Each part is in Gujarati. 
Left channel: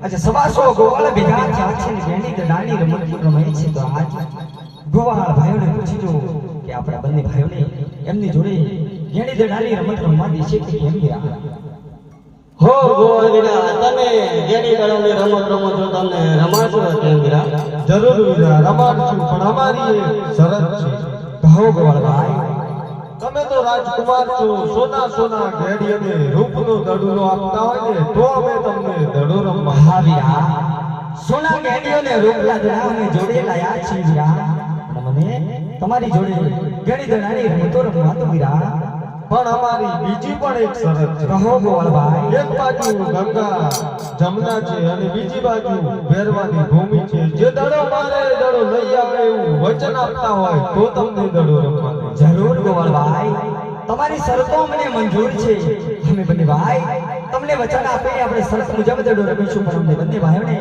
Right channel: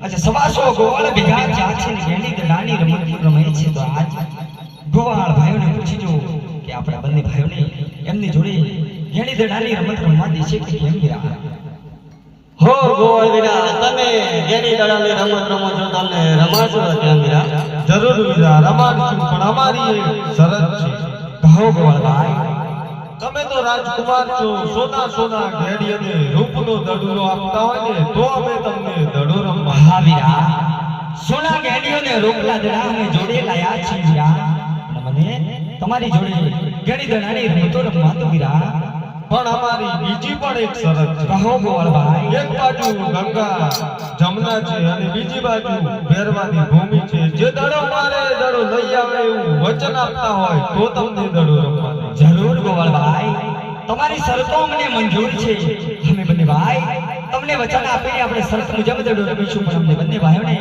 अच्छा सवासो गोवाल भેगा चाची ने गेणी दडानी रमत रमे છે તો આજ ગોવાળ ભાઈઓને પૂછીજો કે આપણા બંને ભાઈઓને એમની જોડે ઘેણી દડાની રમત રમવા દેશે કે કેમ વીરા હો ગોવાળ વીરા તમે ઘેણી દડાની રમત રમો છો તમને રમાડશો કેમ વીરા જરૂર વીરા રમાડશું પણ અમારી એક શરત છે કહો ગોવાળ ભાઈ તમે તો રાજકુમાર છો સોના સોના ઘેડી અને રૂપનો દડુલો આપતા હોય ને તો અમે તમને દડો રમવા હા વીરા સોના ઘેડીઓને રૂપલા દડા અમે જોડે લાયા છે વીરા મને તમારી જોડે ઘેડી દડાની રમતો રમવા તો વીરા પણ અમારી બીજી પણ એક શરત છે કહો ગોવાળ ભાઈ એક બાજુ ગંગા જમના છે અને બીજી બાજુ ભેરવાની ભૂમિ છે જે દડો મારે દડો લઈ આવે એવું વચન આપતા હોય તો તમને દડો રમવા દે જરૂર ગોવાળ ભાઈ તમારી શરતો અમને મંજૂર છે અમે બંને ભાઈ તમને વચન આપીને આપણે શરત મુજબ દડો રમીશું પણ અમને બંને ભાઈઓને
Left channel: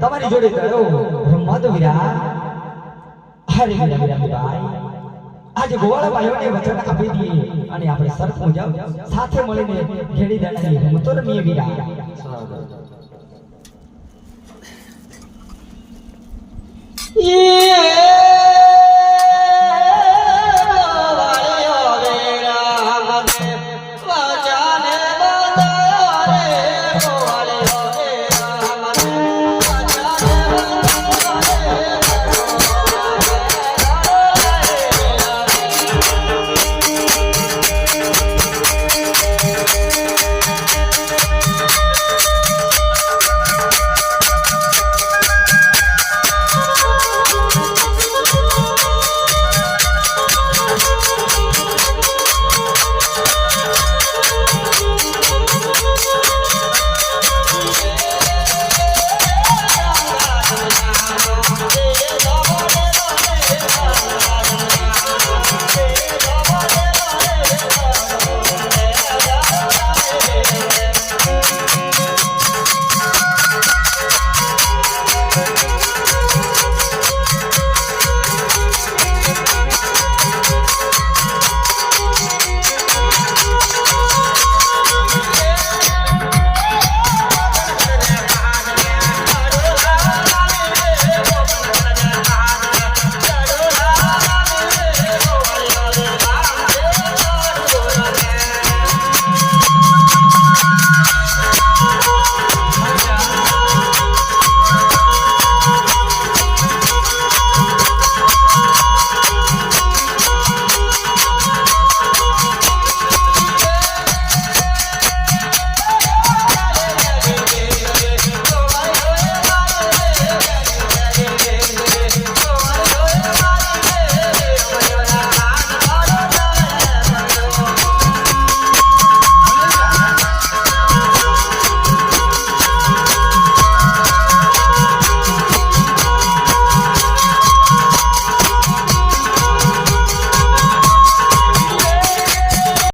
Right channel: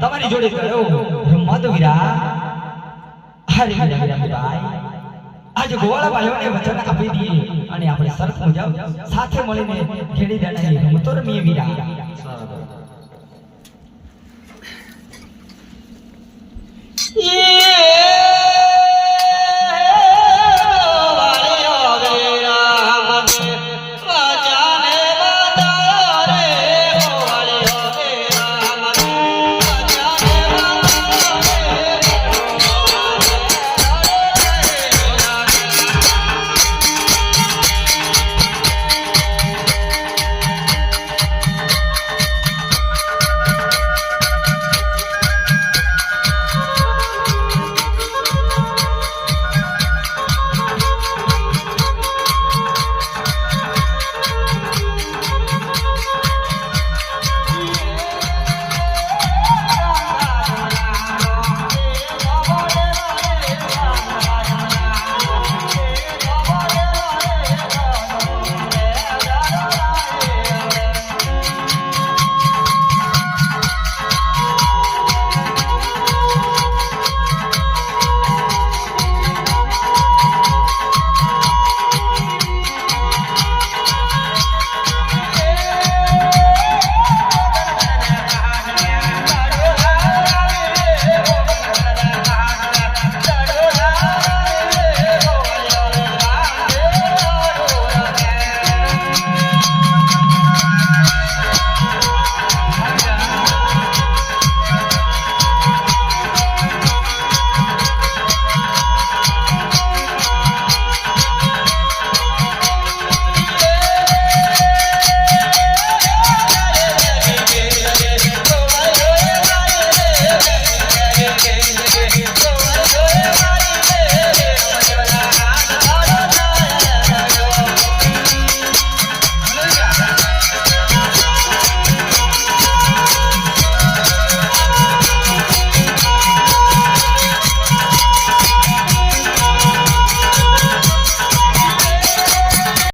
તમારી જોડે દડો રમવા દો વીરા હરે વીરા ભાઈ આજે ગોવાળા ભાઈઓને વચન આપી દઈએ અને આપણે શરત મુજબ સાથે મળીને ઘેડી દડાની રમતો રમીએ વીરા.